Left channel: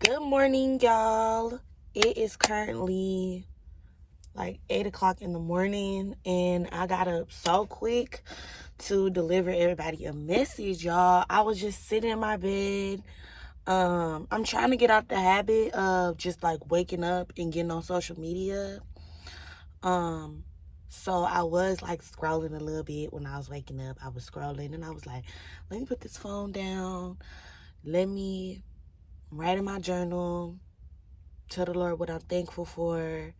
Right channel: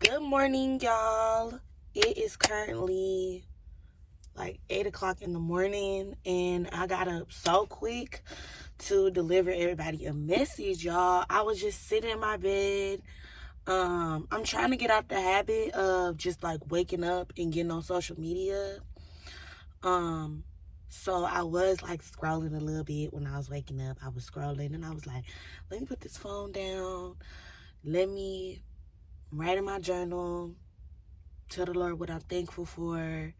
Good morning, y'all. It is currently like 8 o'clock in the morning, and I got up so quick to deliver everybody a message, y'all. I was just sitting in my bed. I'm trying to get out the habit of just like waking up and getting on social media. So I was like scrolling a little bit when I was waking up. I was scrolling and I was like, let me put this phone down. Let me write in my journal, tell the Lord what I'm thankful for.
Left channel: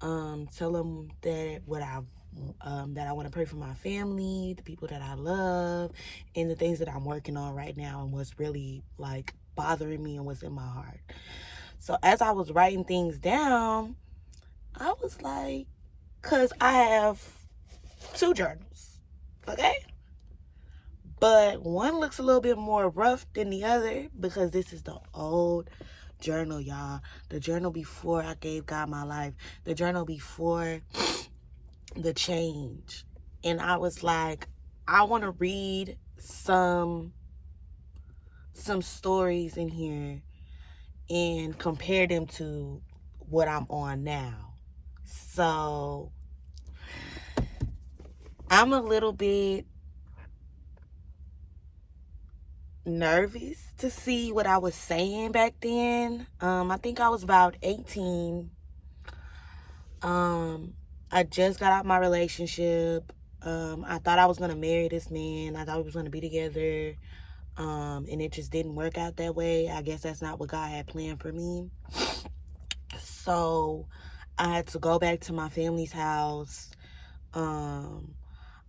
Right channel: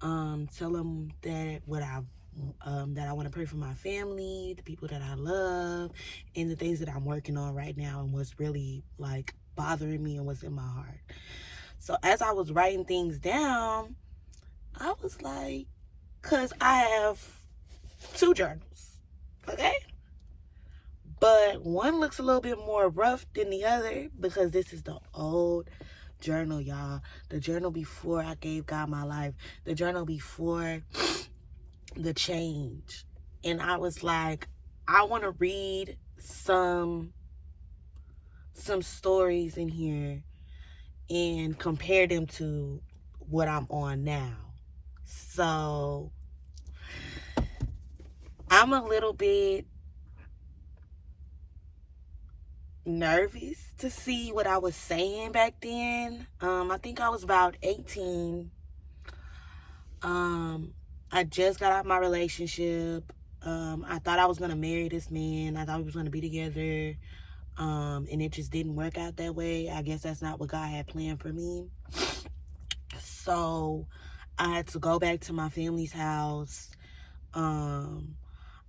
Tell him that that I want to pray for my family, the people that I love, and the things that I'm working on right now and what's really like bothering me and what's in my heart. So as I was writing things down, I was like, cause I have two journals, okay? But one looks a little bit more rough than the other because this is the old journal, y'all. The journal before I gave God my life. The journal before the change. And I was like, I want to read some stories in here and compare them to what I'm on now. So I'm a little bit nervous to see what I was saying back then. I think I was about 18. I just got out of my relationship. I thought I was gonna marry this man. I thought we was gonna be together. And it just didn't work out that way. I guess that's not what God had planned for me. So I had to go back to my family's house.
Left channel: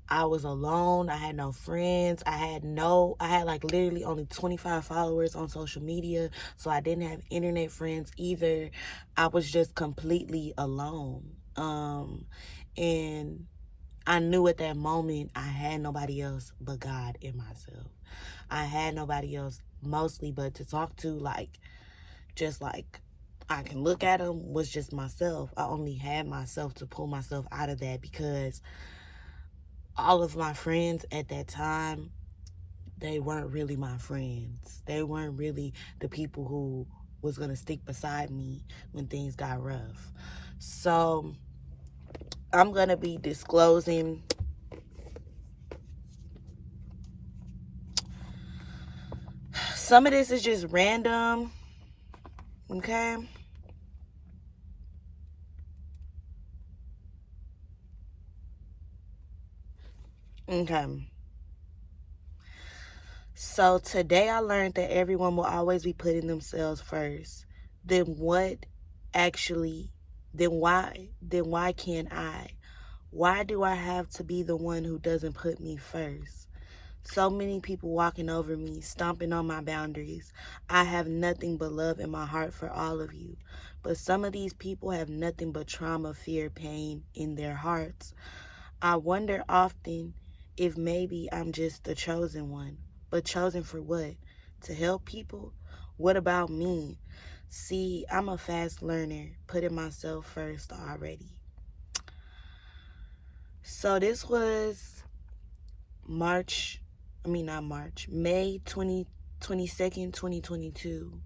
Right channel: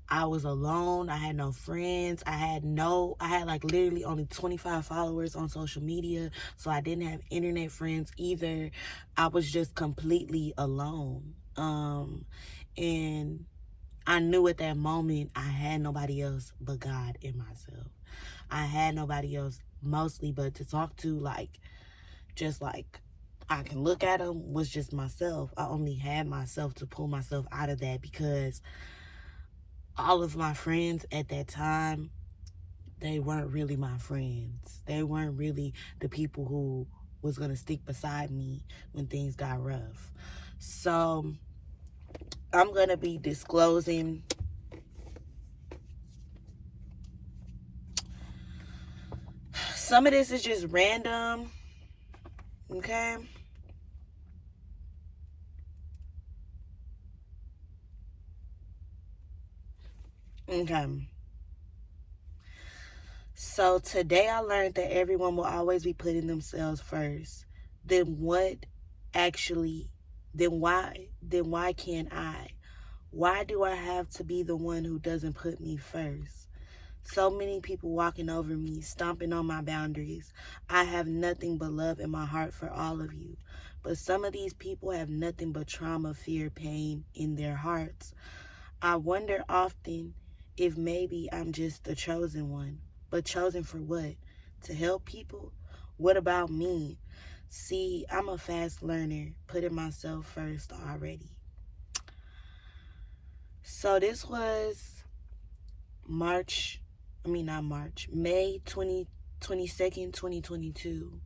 I was alone. I had no friends. I had like literally only 25 followers on social media. So I didn't have internet friends either. I was just completely alone. And I knew at that moment I had nobody else but God and myself. I had nobody else mostly but to talk to, like, just like I can look at them, was just myself. I only had myself to pull myself out of that because all of my friends at that time, they weren't really my friends. They weren't really the people who was going to stick beside me when things got rough. So I'm going to be disclosing some of this is just random, okay? Okay. So today I learned that everyone will always be putting themselves first. Then what actually, then why can't I? Why do I have to be the one who doesn't put me first? So many people walking over me, stomping on my boundaries. I have nothing but love in my heart for all of you. But some of these people have nothing but trauma, fear, pain in their hearts. I wonder often if maybe I'm just the chosen one. But chosen for what? To help people? What about me? See, I'm a fast learner, putting myself first already. So this was May 22nd, 2022.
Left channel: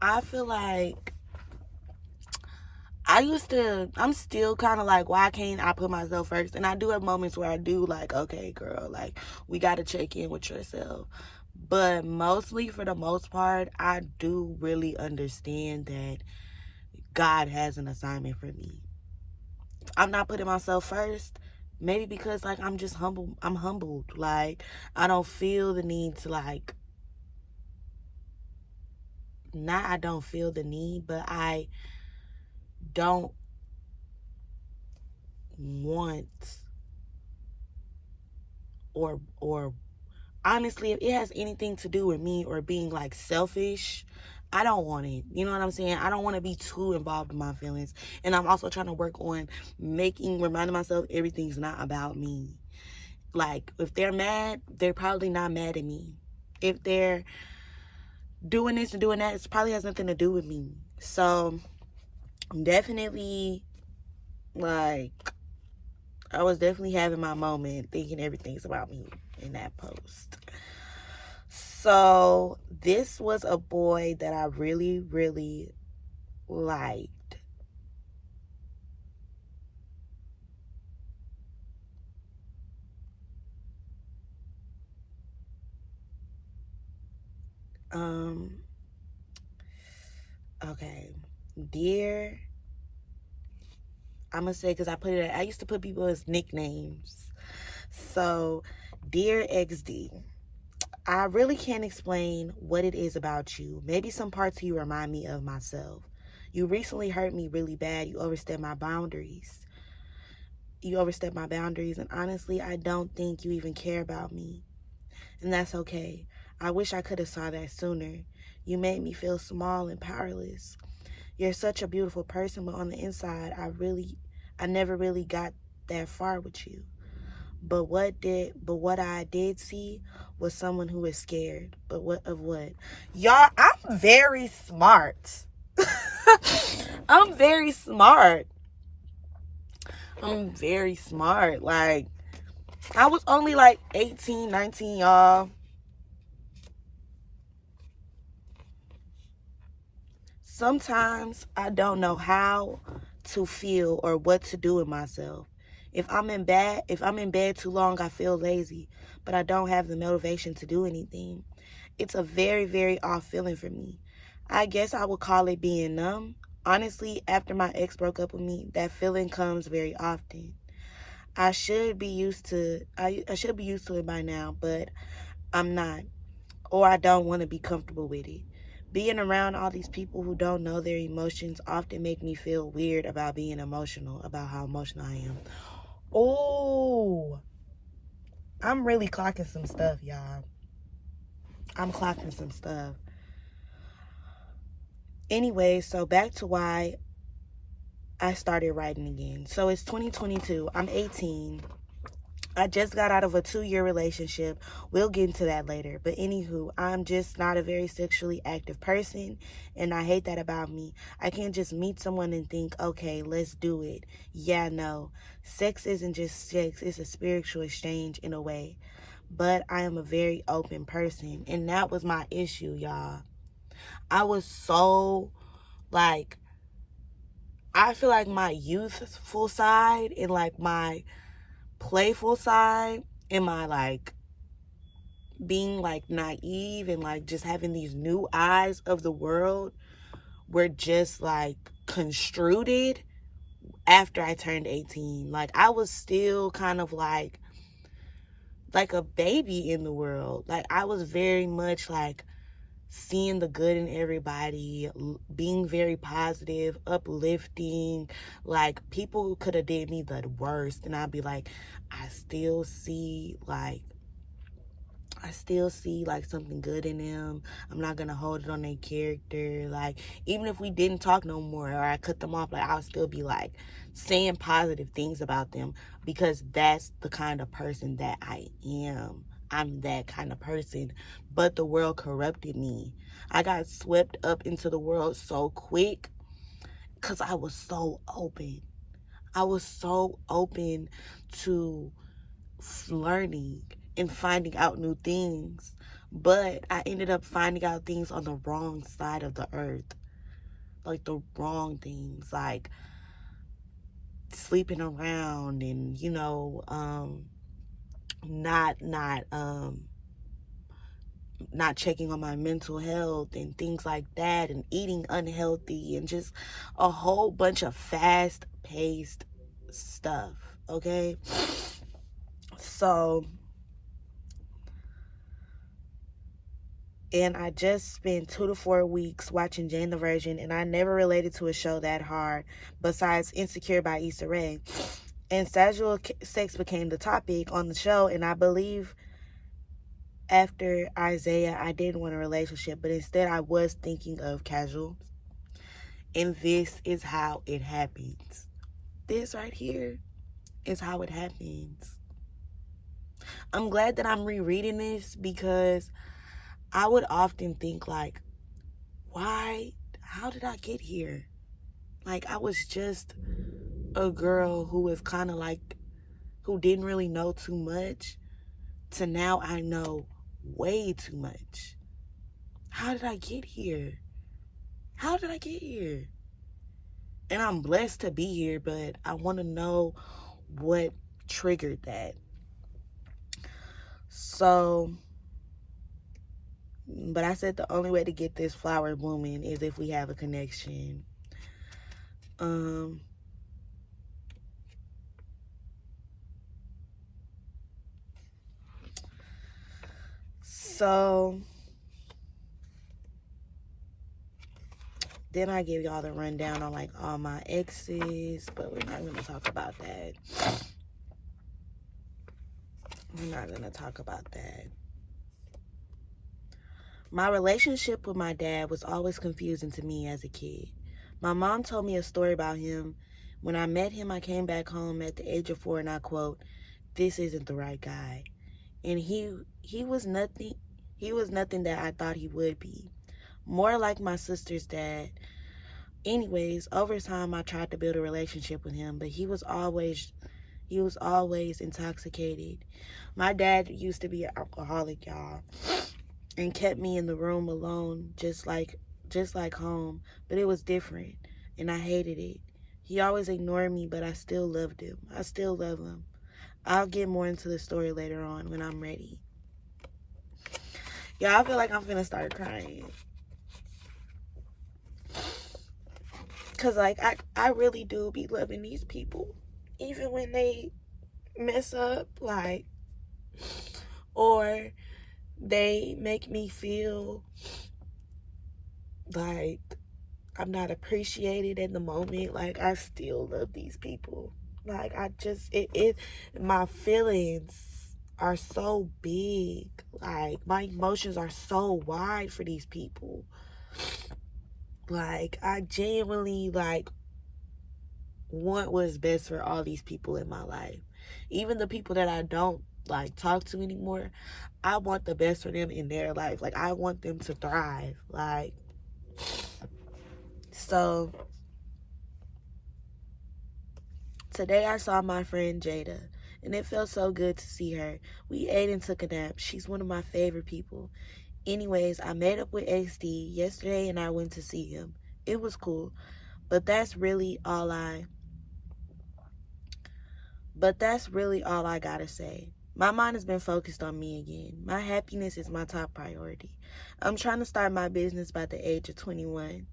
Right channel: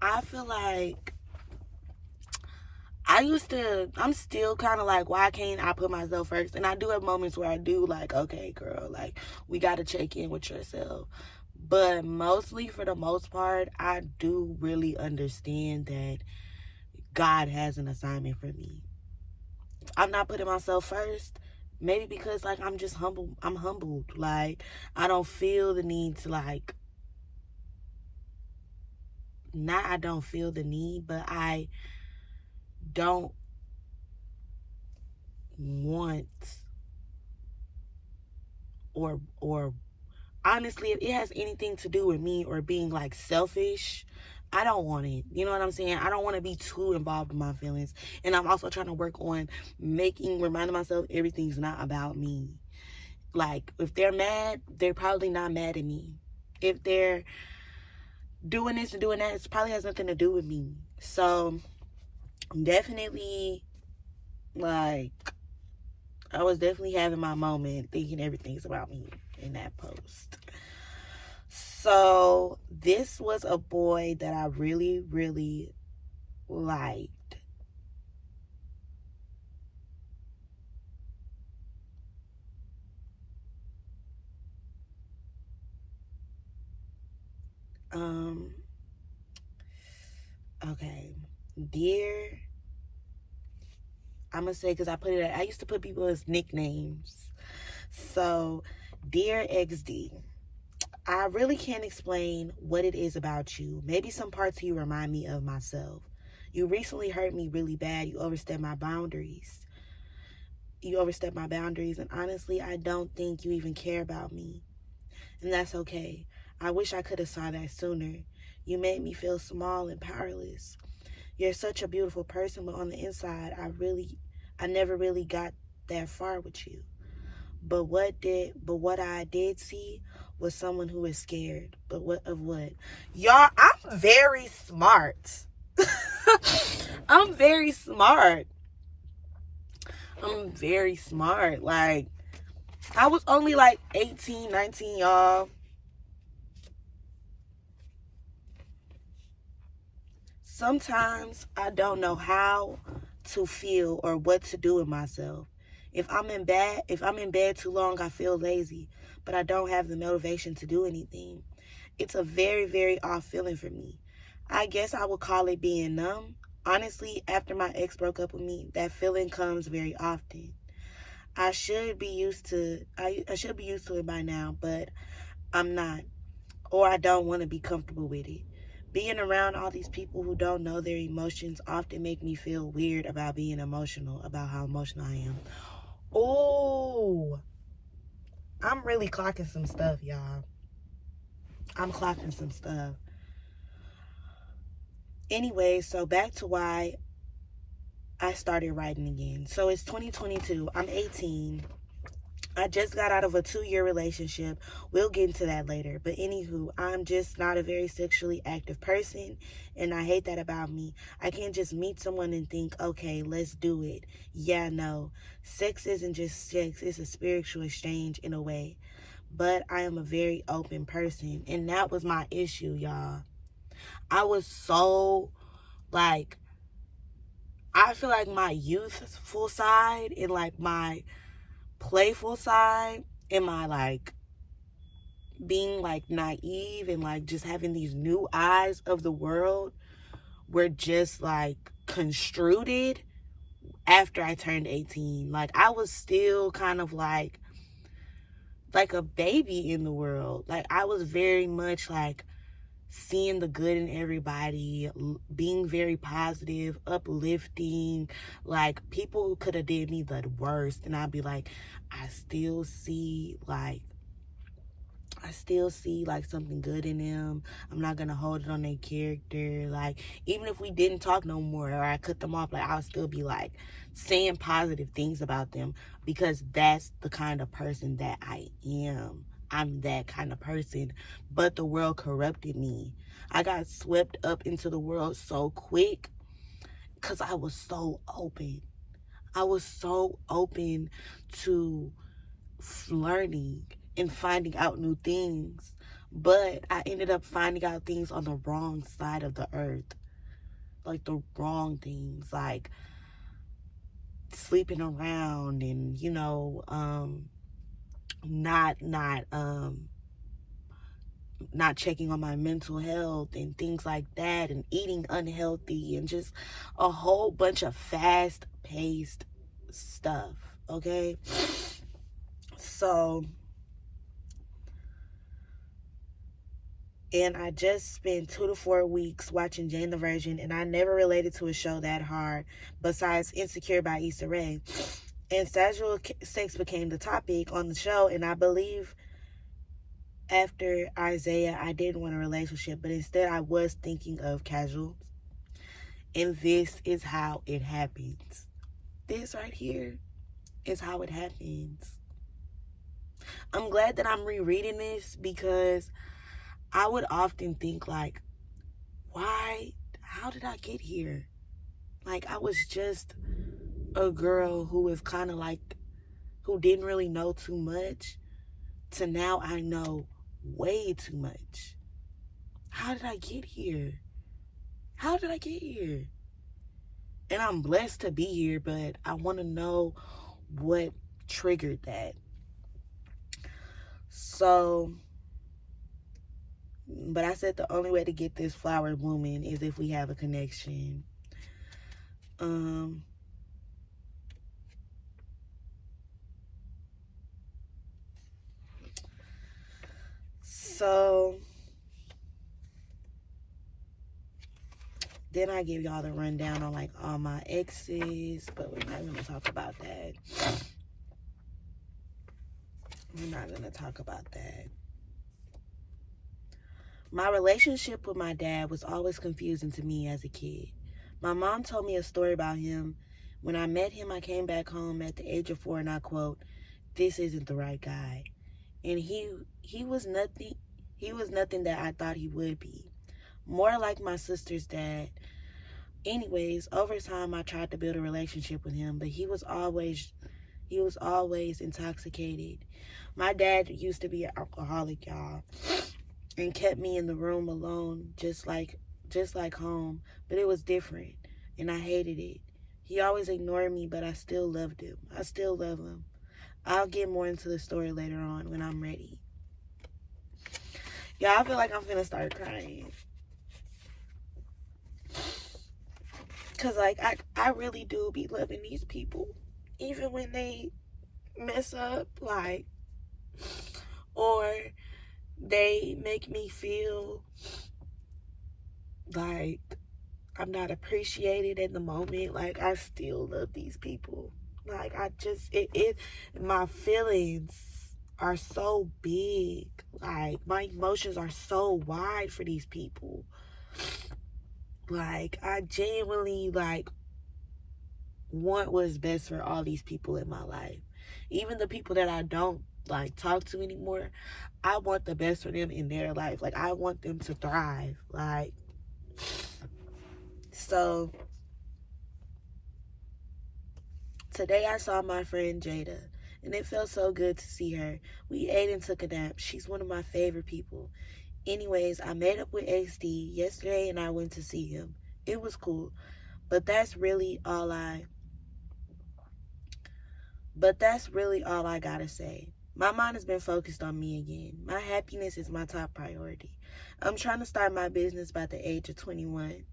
I feel like I'm still kind of like, why can't I put myself first? And I do have moments where I do like, okay, girl, like, we got to check in with yourself. But mostly, for the most part, I do really understand that God has an assignment for me. I'm not putting myself first. Maybe because like I'm just humble. I'm humbled. Like I don't feel the need to like. Not I don't feel the need, but I don't want or honestly, if it has anything to do with me or being like selfish, I don't want it. You know what I'm saying? I don't want to be too involved in my feelings. And I'm also trying to work on reminding myself everything's not about me. Like, if they're mad, they're probably not mad at me. If they're doing this and doing that, it probably has nothing to do with me. So, definitely, like, I was definitely having my moment thinking everything's about me in that post. So this was a boy that I really, really liked. Okay. Dear, I'm gonna say, because I used to put people as nicknames. So, dear XD, I really can't explain what it is about you. Maybe some parts of you remind me of myself. You recently hurt me really bad. You overstepped my boundaries. And honestly, I don't think you even care about me. And that's okay. I wish I could have saw that sooner. You made me feel small and powerless. You're such a beautiful person, but on the inside, I never really got that far with you. But what I did see was someone who is scared. But what of what? Y'all, I'm very smart. I'm very smart. I'm very smart. Like, I was only like 18, 19, y'all. Sometimes I don't know how to feel or what to do with myself. If I'm in bed too long, I feel lazy, but I don't have the motivation to do anything. It's a very, very off feeling for me. I guess I would call it being numb. Honestly, after my ex broke up with me, that feeling comes very often. I should be used to it by now, but I'm not, or I don't want to be comfortable with it. Being around all these people who don't know their emotions often make me feel weird about being emotional, about how emotional I am. Oh, I'm really clocking some stuff, y'all. I'm clocking some stuff. Anyway, so back to why I started writing again. So it's 2022. I'm 18. I just got out of a 2-year relationship. We'll get into that later. But anywho, I'm just not a very sexually active person, and I hate that about me. I can't just meet someone and think, okay, let's do it. Yeah, no. Sex isn't just sex, it's a spiritual exchange in a way. But I am a very open person, and that was my issue, y'all. I was so, like, I feel like my youthful side and, like, my playful side and my, like, being, like, naive and, like, just having these new eyes of the world were just, like, construed after I turned 18. Like, I was still kind of like a baby in the world. Like, I was very much, like, seeing the good in everybody, being very positive, uplifting. Like, people could have did me the worst, and I'd be like, I still see like something good in them. I'm not gonna hold it on their character. Like, even if we didn't talk no more or I cut them off, like, I'll still be like saying positive things about them, because that's the kind of person that I am. I'm that kind of person. But the world corrupted me. I got swept up into the world so quick because I was so open. I was so open to learning and finding out new things. But I ended up finding out things on the wrong side of the earth. Like, the wrong things. Like, sleeping around and, not checking on my mental health and things like that, and eating unhealthy, and just a whole bunch of fast-paced stuff, okay? So, and I just spent 2 to 4 weeks watching Jane the Virgin, and I never related to a show that hard besides Insecure by Issa Rae. And casual sex became the topic on the show, and I believe after Isaiah, I didn't want a relationship, but instead I was thinking of casual. And this is how it happens. This right here is how it happens. I'm glad that I'm rereading this, because I would often think, like, how did I get here? Like, I was just a girl who was kind of like, who didn't really know too much, to now I know way too much. how did I get here? How did I get here? And I'm blessed to be here, but I want to know what triggered that. So, but I said the only way to get this flower blooming is if we have a connection. So then I give y'all the rundown on like all my exes, but we're not gonna talk about that. We're not gonna talk about that. My relationship with my dad was always confusing to me as a kid. My mom told me a story about him. When I met him, I came back home at the age of 4 and I quote, "This isn't the right guy." And he was nothing that I thought he would be. More like my sister's dad. Anyways, over time I tried to build a relationship with him, but he was always intoxicated. My dad used to be an alcoholic, y'all, and kept me in the room alone, just like home, but it was different, and I hated it. He always ignored me, but I still loved him. I still love him. I'll get more into the story later on when I'm ready. Y'all, I feel like I'm finna start crying. Because, like, I really do be loving these people. Even when they mess up, like, or they make me feel like I'm not appreciated in the moment. Like, I still love these people. Like, I just, my feelings are so big. Like, my emotions are so wide for these people. Like, I genuinely, like, want what's best for all these people in my life. Even the people that I don't, like, talk to anymore, I want the best for them in their life. Like, I want them to thrive. Like, so today I saw my friend Jada, and it felt so good to see her. We ate and took a nap. She's one of my favorite people. Anyways, I made up with HD yesterday and I went to see him. It was cool, but that's really all I gotta say. My mind has been focused on me again. My happiness is my top priority. I'm trying to start my business by the age of 21.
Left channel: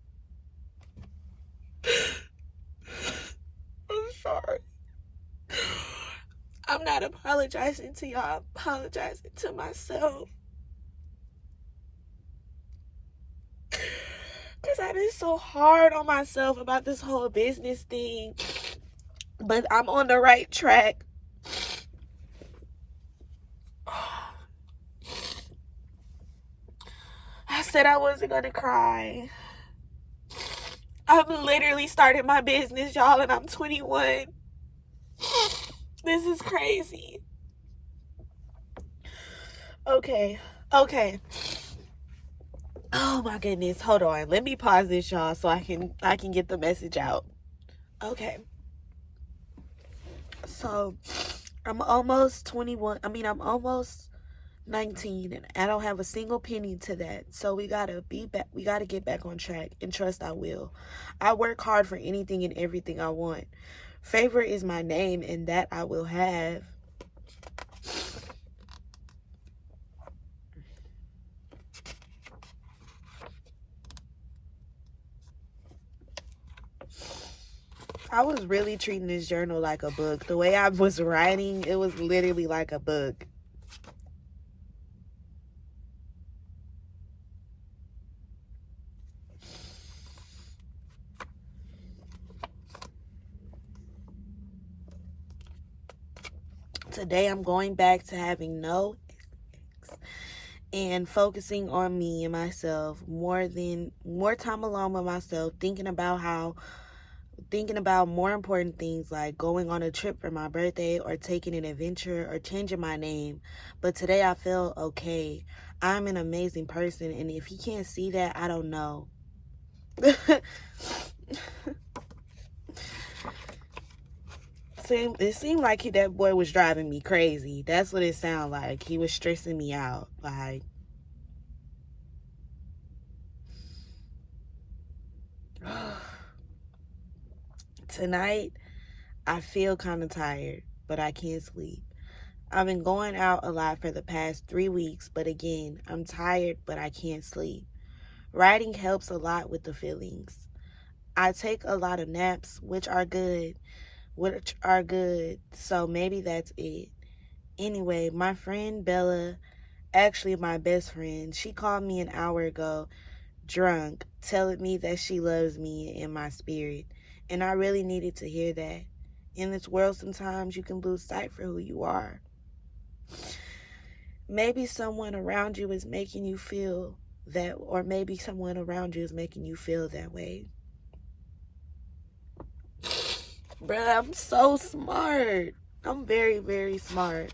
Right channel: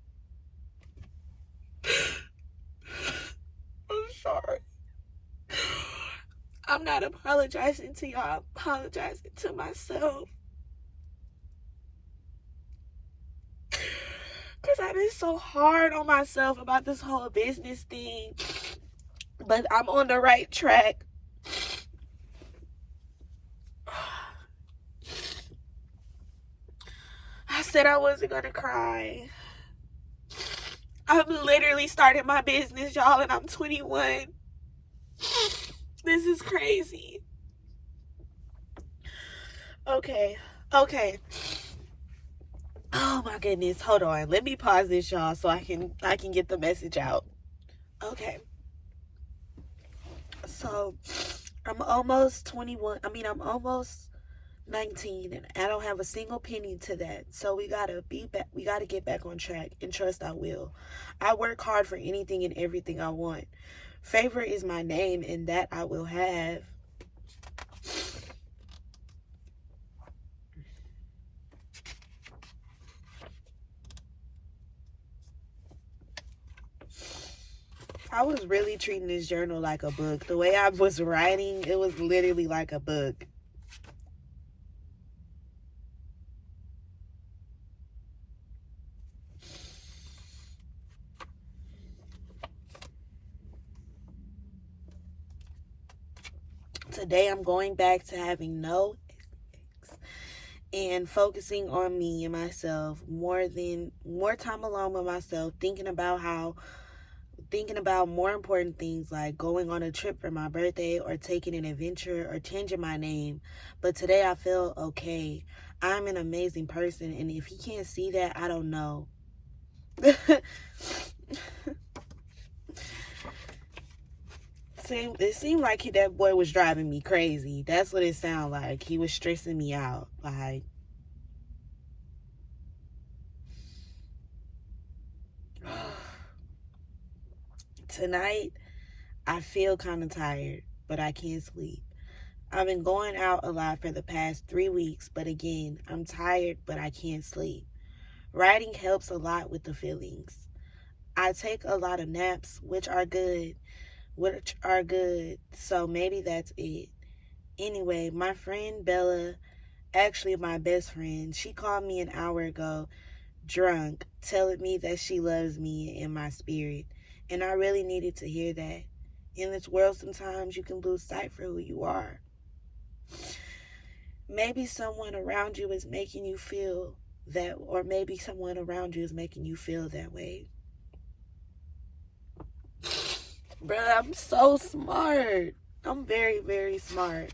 I'm sorry. I'm not apologizing to y'all. I'm apologizing to myself. Because I've been so hard on myself about this whole business thing. But I'm on the right track. I said I wasn't going to cry. I've literally started my business, y'all, and I'm 21. This is crazy. Okay. Oh my goodness. Hold on. Let me pause this, y'all, so I can get the message out. Okay. So, I'm almost 21. I'm almost 19, and I don't have a single penny to that. So we gotta get back on track, and trust I will. I work hard for anything and everything I want. Favor is my name, and that I will have. I was really treating this journal like a book. The way I was writing, it was literally like a book. Today I'm going back to having no and focusing on me and myself, more time alone with myself, thinking about more important things like going on a trip for my birthday or taking an adventure or changing my name. But today I feel okay. I'm an amazing person, and if he can't see that, I don't know. It seemed like that boy was driving me crazy. That's what it sounded like. He was stressing me out. Like, Tonight, I feel kind of tired, but I can't sleep. I've been going out a lot for the past 3 weeks, but again, I'm tired, but I can't sleep. Writing helps a lot with the feelings. I take a lot of naps, which are good, so maybe that's it. Anyway, my friend Bella, actually my best friend, she called me an hour ago, drunk, telling me that she loves me and my spirit. And I really needed to hear that. In this world, sometimes you can lose sight for who you are. Maybe someone around you is making you feel that, or maybe someone around you is making you feel that way. Bruh, I'm so smart. I'm very, very smart.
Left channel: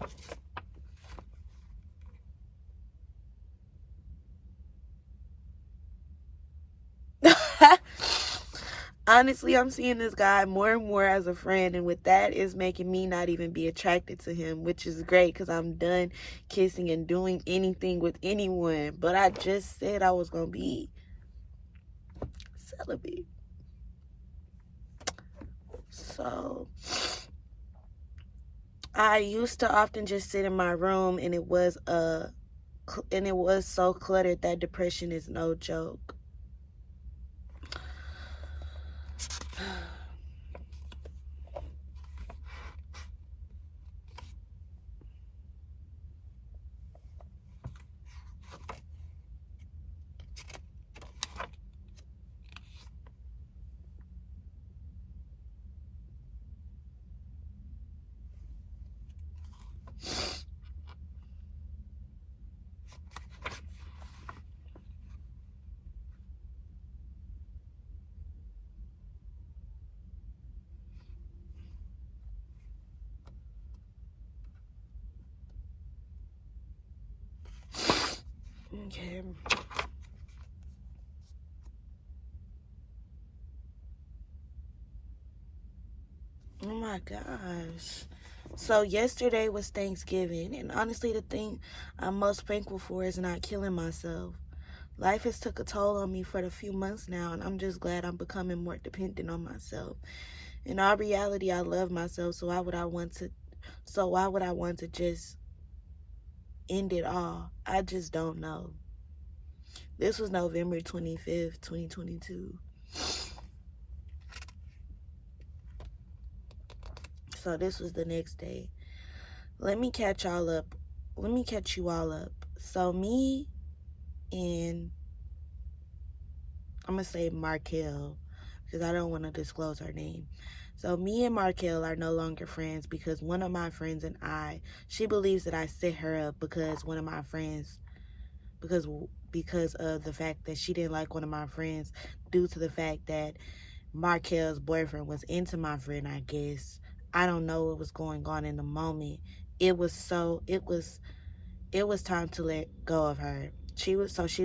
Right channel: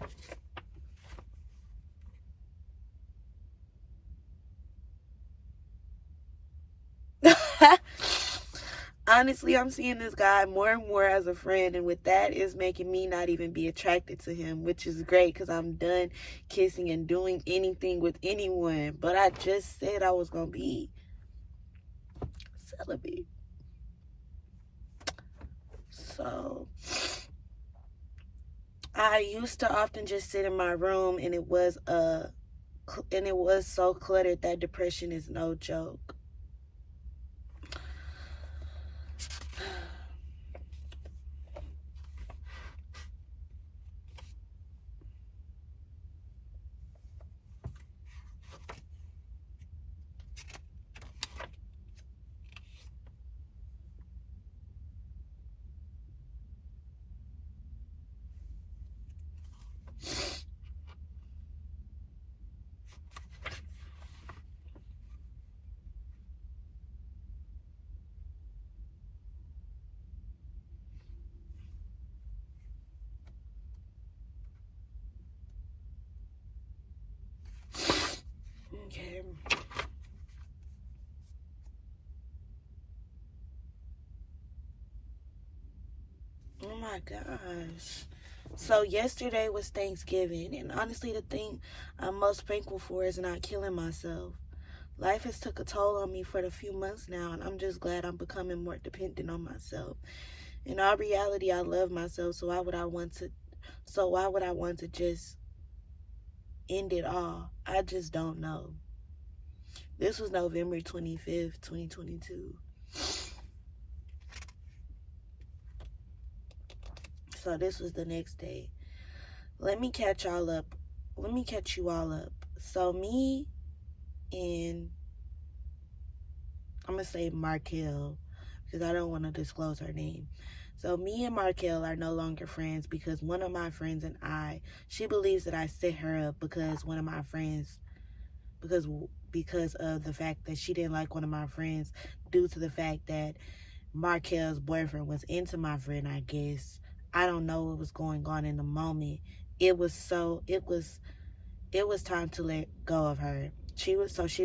Honestly, I'm seeing this guy more and more as a friend, and with that is making me not even be attracted to him, which is great because I'm done kissing and doing anything with anyone. But I just said I was gonna be celibate. So I used to often just sit in my room, and it was so cluttered that depression is no joke. Okay. Oh my gosh. So yesterday was Thanksgiving, and honestly, the thing I'm most thankful for is not killing myself. Life has took a toll on me for a few months now, and I'm just glad I'm becoming more dependent on myself. In all reality, I love myself, so why would I want to just end it all? I just don't know. This was November 25th, 2022. So this was the next day. Let me catch y'all up. Let me catch you all up. So me and I'm gonna say Markel because I don't want to disclose her name. So me and Markel are no longer friends because one of my friends and she believes that I set her up because one of my friends, because of the fact that she didn't like one of my friends due to the fact that Markel's boyfriend was into my friend, I guess. I don't know what was going on in the moment. It was time to let go of her. She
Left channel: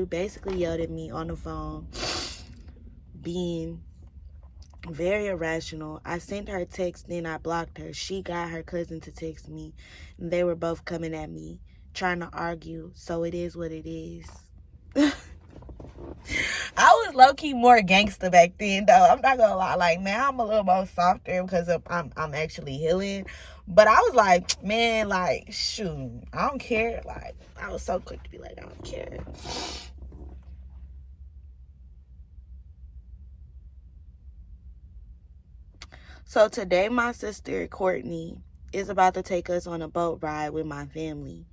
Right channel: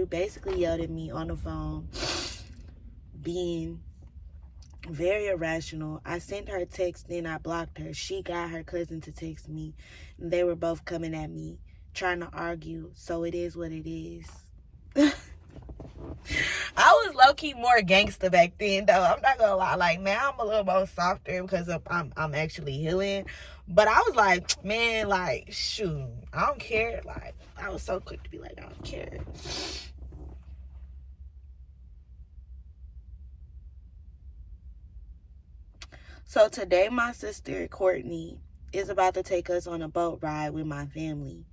basically yelled at me on the phone, being very irrational. I sent her a text, then I blocked her. She got her cousin to text me, and they were both coming at me, trying to argue. So it is what it is. I was low-key more gangster back then, though. I'm not gonna lie. Like, now I'm a little more softer because I'm actually healing. But I was like, man, like, shoot, I don't care. Like, I was so quick to be like, I don't care. So today, my sister Courtney is about to take us on a boat ride with my family.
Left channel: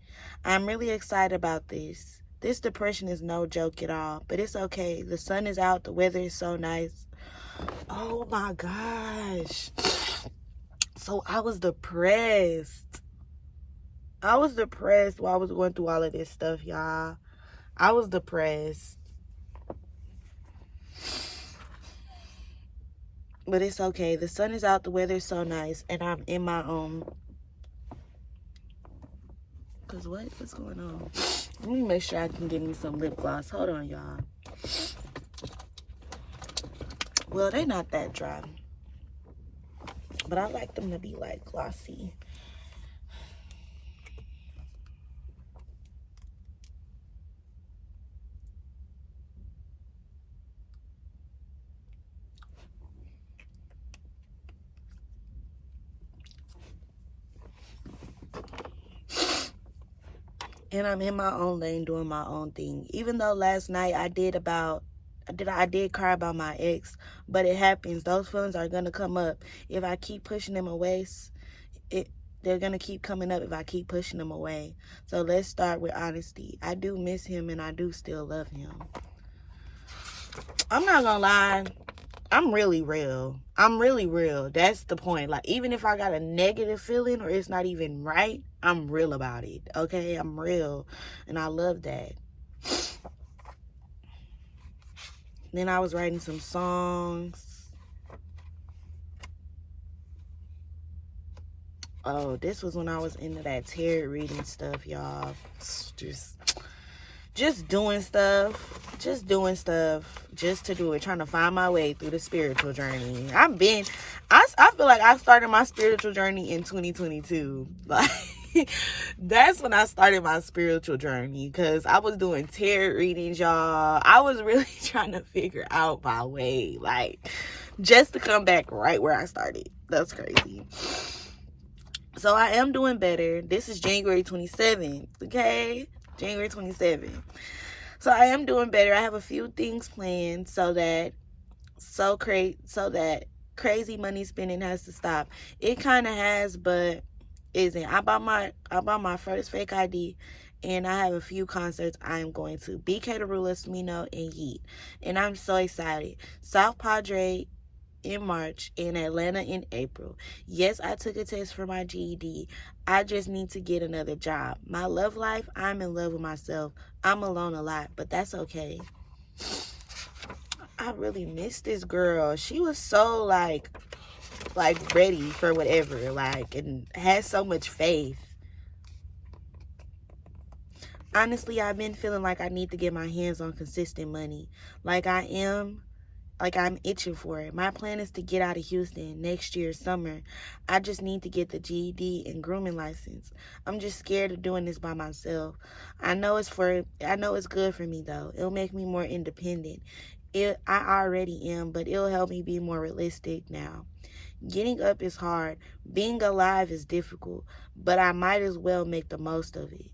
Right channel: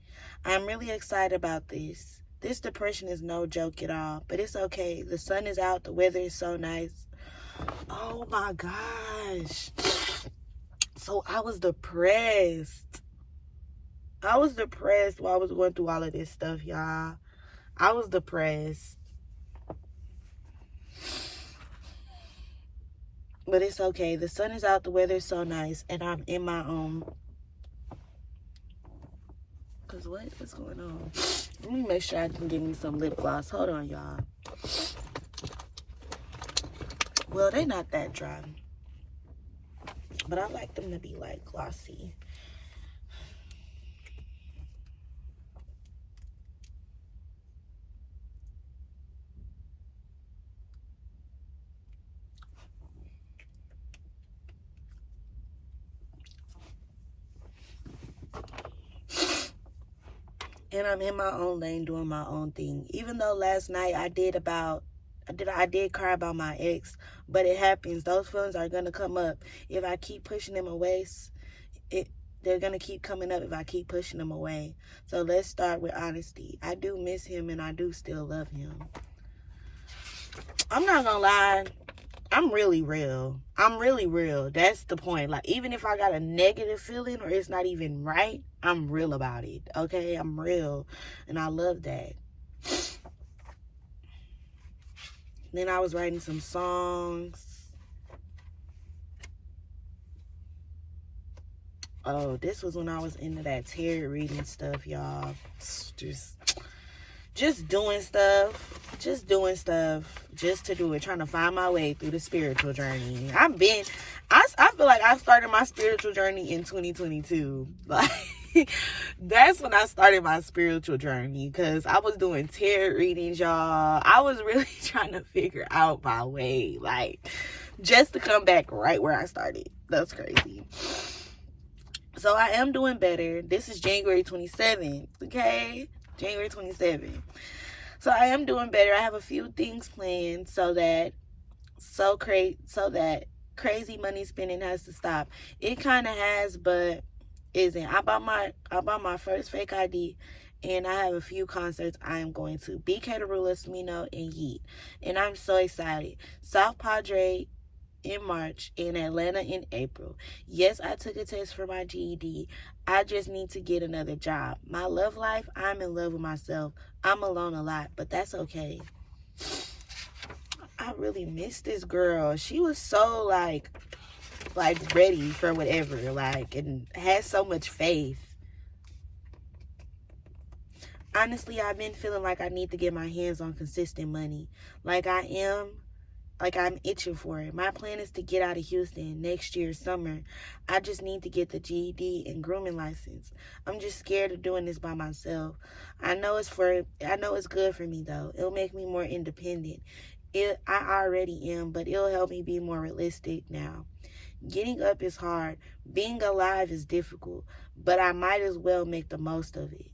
I'm really excited about this. This depression is no joke at all, but it's okay. The sun is out, the weather is so nice. Oh my gosh. So I was depressed. I was depressed while I was going through all of this stuff, y'all. I was depressed. But it's okay. The sun is out, the weather is so nice, and I'm in my own. Cause what's going on? Let me make sure I can get me some lip gloss. Hold on, y'all. Well, they not that dry, but I like them to be like glossy. And I'm in my own lane doing my own thing. Even though last night I did cry about my ex, but it happens. Those feelings are gonna come up. If I keep pushing them away, they're gonna keep coming up if I keep pushing them away. So let's start with honesty. I do miss him and I do still love him. I'm not gonna lie. I'm really real. That's the point. Like, even if I got a negative feeling or it's not even right, I'm real about it. Okay? I'm real. And I love that. Then I was writing some songs. Oh, this was when I was into that tarot reading stuff, y'all. Just doing stuff just to do it, trying to find my way through the spiritual journey. I feel like I started my spiritual journey in 2022. Like, that's when I started my spiritual journey, because I was doing tarot readings, y'all. I was really trying to figure out my way, like, just to come back right where I started. That's crazy. So I am doing better. This is January 27th, okay? January 27th. So I am doing better. I have a few things planned so that crazy money spending has to stop. It kind of has, but isn't. I bought my first fake ID, and I have a few concerts I am going to. BK Derulo, Smino, and Yeet. And I'm so excited. South Padre in March, in Atlanta in April. Yes, I took a test for my GED. I just need to get another job. My love life, I'm in love with myself. I'm alone a lot, but that's okay. I really miss this girl. She was so like ready for whatever, and had so much faith. Honestly, I've been feeling like I need to get my hands on consistent money. I'm itching for it. My plan is to get out of Houston next year, summer. I just need to get the GED and grooming license. I'm just scared of doing this by myself. I know it's good for me, though. It'll make me more independent. I already am, but it'll help me be more realistic now. Getting up is hard. Being alive is difficult, but I might as well make the most of it.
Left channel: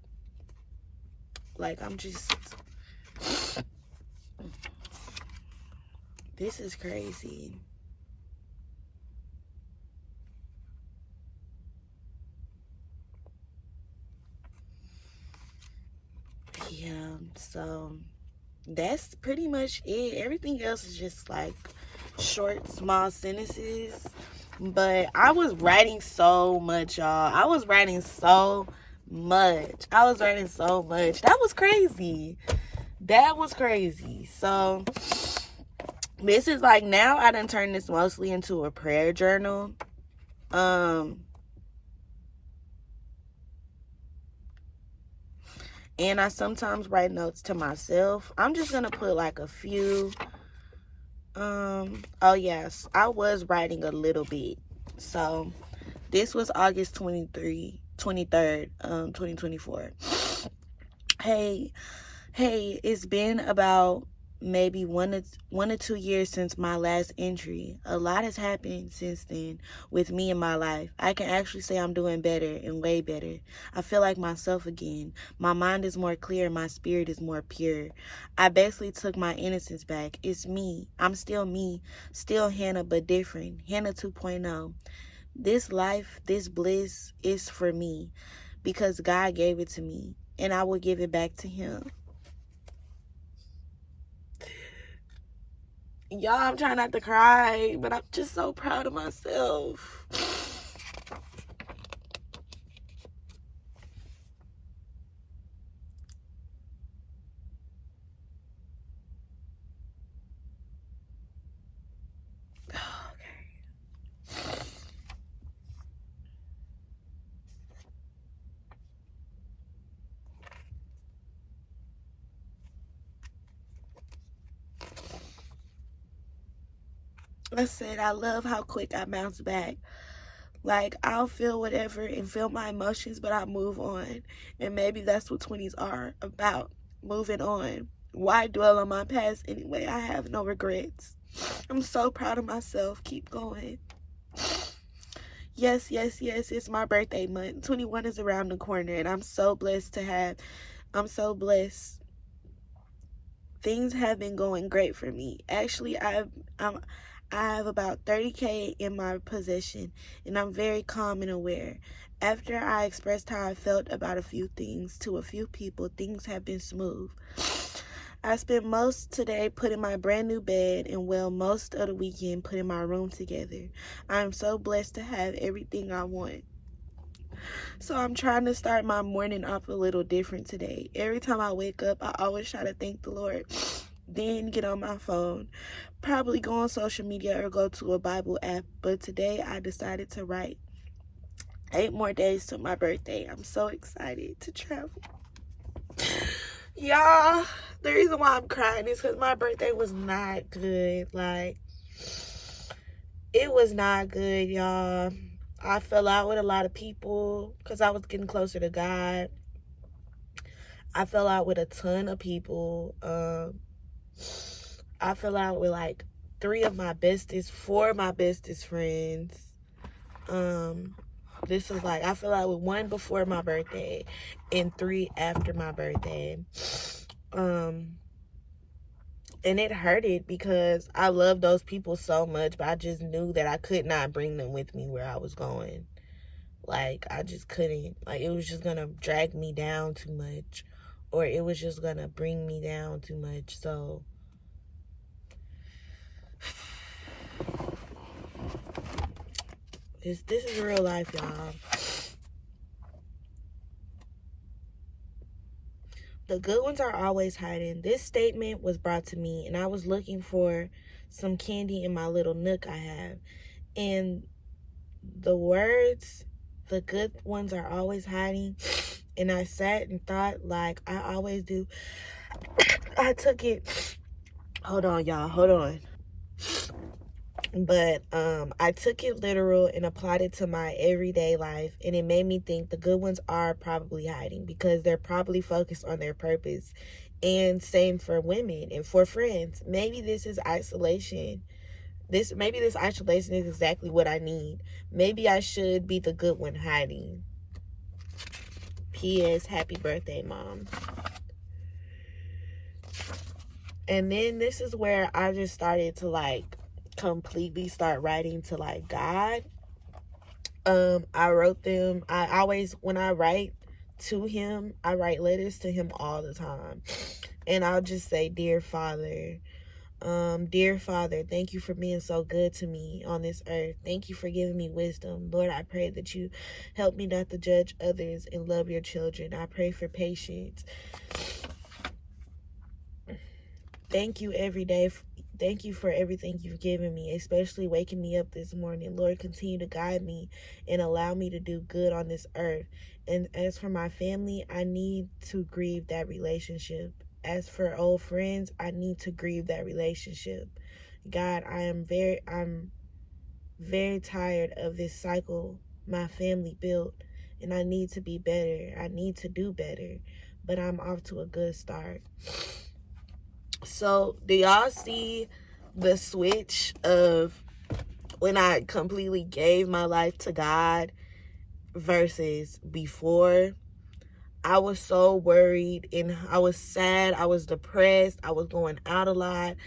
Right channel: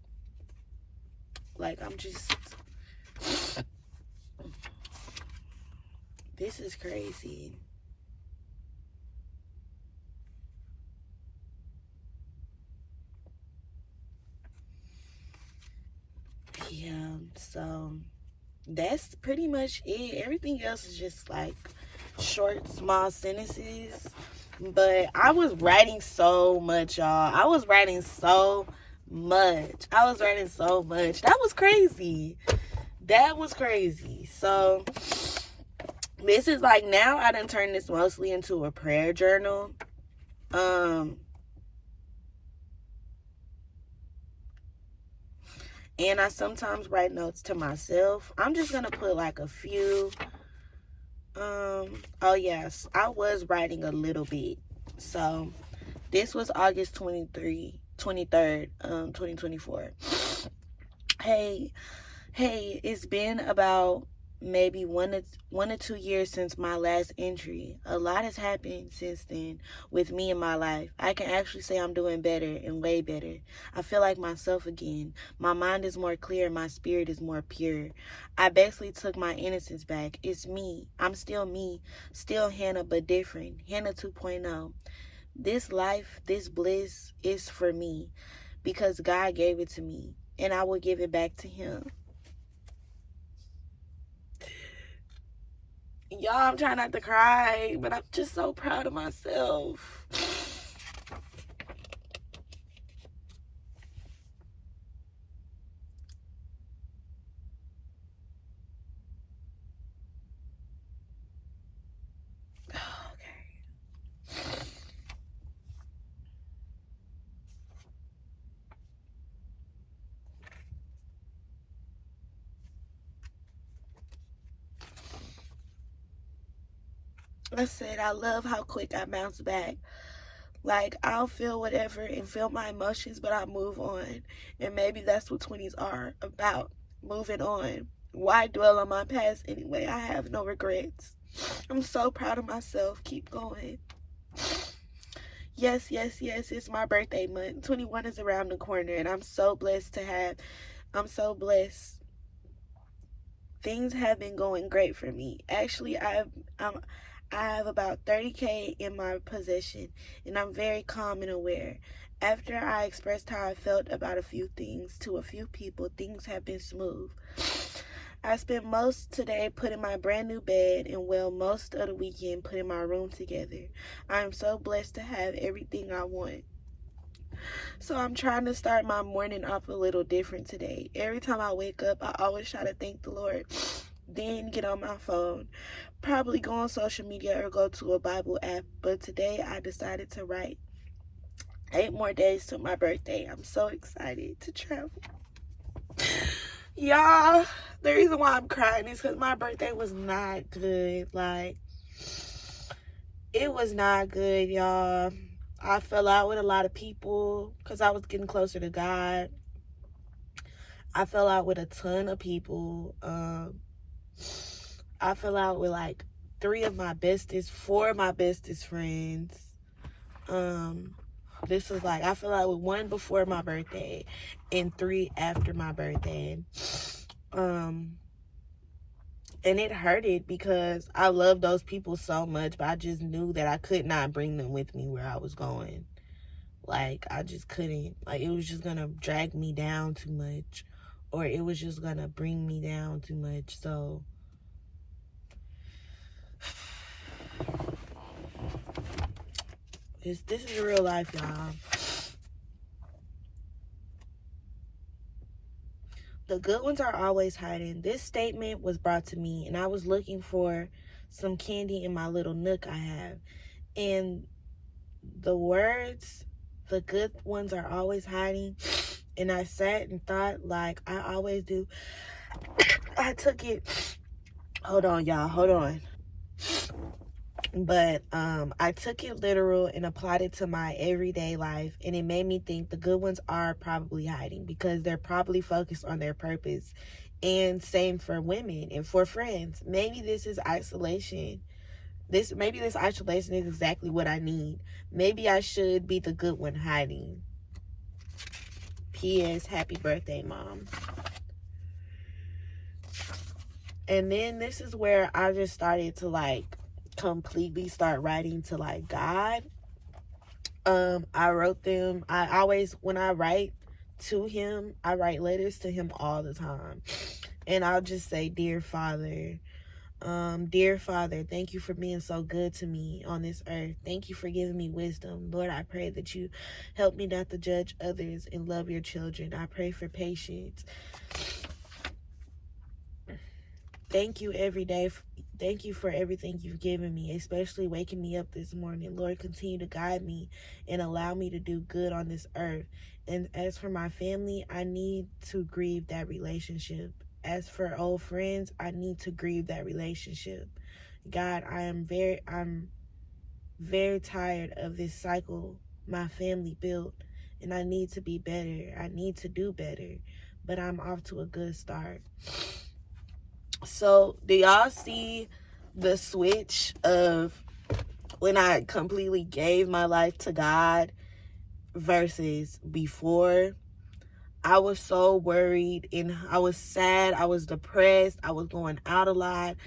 This is crazy. Yeah, so that's pretty much it. Everything else is just short, small sentences. But I was writing so much, y'all. I was writing so much. That was crazy. So this is now I done turned this mostly into a prayer journal. And I sometimes write notes to myself. I'm just gonna put a few. Oh yes, I was writing a little bit. So this was August 23rd, 2024. Hey, it's been about maybe one or 2 years since my last entry. A lot has happened since then with me in my life. I can actually say I'm doing better and way better. I feel like myself again. My mind is more clear. My spirit is more pure. I basically took my innocence back. It's me. I'm still me. Still Hannah, but different. Hannah 2.0. This life, this bliss is for me because God gave it to me, and I will give it back to Him. Y'all, I'm trying not to cry, but I'm just so proud of myself. I said, I love how quick I bounce back. I'll feel whatever and feel my emotions, but I move on. And maybe that's what 20s are about, moving on. Why dwell on my past anyway? I have no regrets. I'm so proud of myself. Keep going. Yes, it's my birthday month. 21 is around the corner, and I'm so blessed to have I'm so blessed. Things have been going great for me. Actually, I have about 30K in my possession, and I'm very calm and aware. After I expressed how I felt about a few things to a few people, things have been smooth. I spent most today putting my brand new bed and most of the weekend putting my room together. I am so blessed to have everything I want. So I'm trying to start my morning off a little different today. Every time I wake up, I always try to thank the Lord, then get on my phone, probably go on social media or go to a Bible app. But today I decided to write. 8 more days to my birthday. I'm so excited to travel. Y'all, the reason why I'm crying is because my birthday was not good. Like, it was not good, y'all. I fell out with a lot of people because I was getting closer to God. I fell out with a ton of people. I fell out with like 4 of my bestest friends. This was like, I fell out with 1 before my birthday and 3 after my birthday. And it hurted because I love those people so much, but I just knew that I could not bring them with me where I was going. Like, I just couldn't. Like, it was just gonna drag me down too much, or it was just gonna bring me down too much. So this is real life, y'all. The good ones are always hiding. This statement was brought to me, and I was looking for some candy in my little nook I have. And the words, the good ones are always hiding. And I sat and thought, like I always do. I took it. Hold on, y'all. Hold on. But I took it literal and applied it to my everyday life, and it made me think the good ones are probably hiding because they're probably focused on their purpose. And same for women and for friends. Maybe this is isolation. Maybe this isolation is exactly what I need. Maybe I should be the good one hiding. P.S. Happy birthday, Mom. And then this is where I just started to like completely start writing to like God. I wrote them. I always, when I write to him, I write letters to him all the time. And I'll just say, Dear Father, thank you for being so good to me on this earth. Thank you for giving me wisdom. Lord, I pray that you help me not to judge others and love your children. I pray for patience. Thank you every day. Thank you for everything you've given me, especially waking me up this morning. Lord, continue to guide me and allow me to do good on this earth. And as for my family, I need to grieve that relationship. As for old friends, I need to grieve that relationship. God, I'm very tired of this cycle my family built, and I need to be better. I need to do better, but I'm off to a good start. So, do y'all see the switch of when I completely gave my life to God versus before? I was so worried and I was sad. I was depressed. I was going out a lot.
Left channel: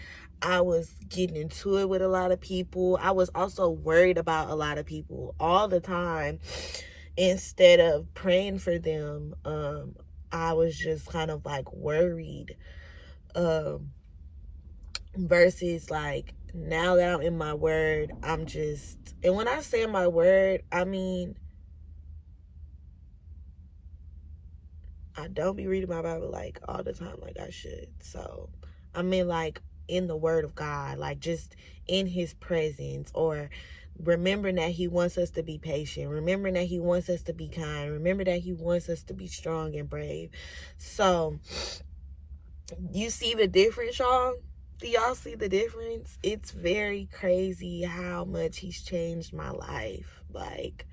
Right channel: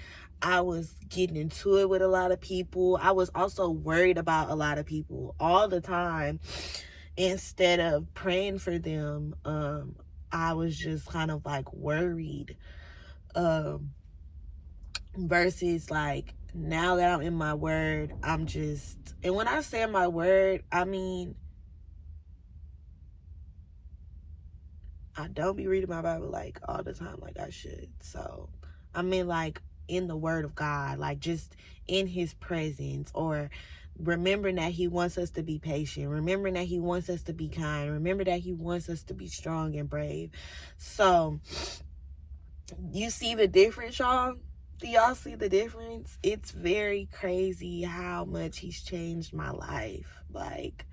I was getting into it with a lot of people. I was also worried about a lot of people all the time. Instead of praying for them, I was just kind of like worried. Versus like now that I'm in my word, I'm just, and when I say my word, I mean, I don't be reading my Bible like all the time like I should. So I mean, like in the word of God, like just in his presence, or remembering that he wants us to be patient, remembering that he wants us to be kind, remember that he wants us to be strong and brave. So you see the difference, y'all? Do y'all see the difference? It's very crazy how much he's changed my life. Like,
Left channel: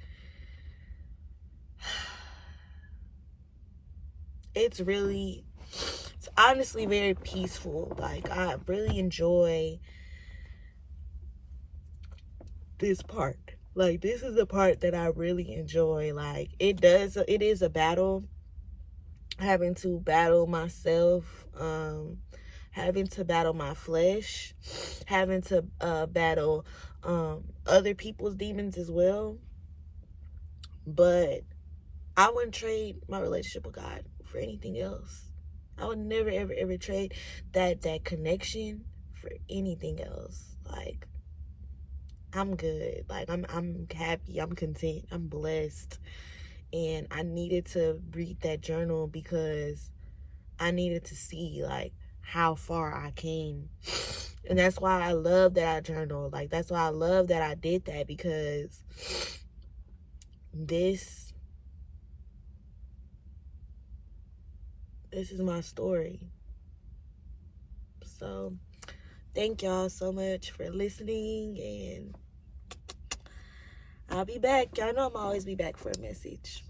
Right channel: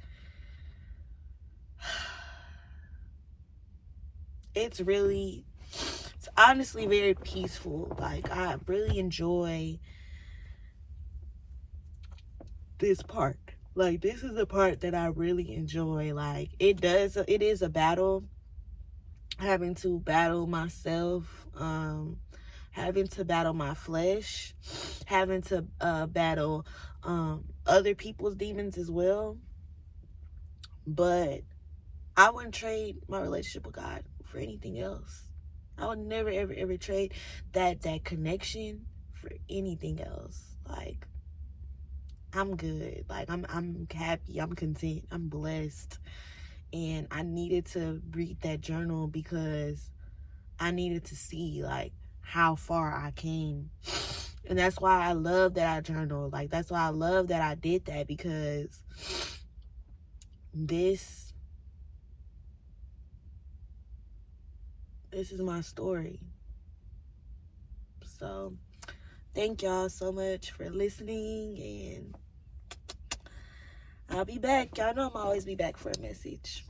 it's honestly very peaceful. Like, I really enjoy this part. Like, this is the part that I really enjoy. Like, it is a battle. having to battle myself, having to battle my flesh, having to battle other people's demons as well. But I wouldn't trade my relationship with God for anything else. I would never, ever, ever trade that connection for anything else. Like, I'm good. Like, I'm happy. I'm content. I'm blessed. And I needed to read that journal because I needed to see, like, how far I came. And that's why I love that I journaled. Like, that's why I love that I did that, because this is my story. So thank y'all so much for listening, and I'll be back. Y'all know I'm always be back for a message.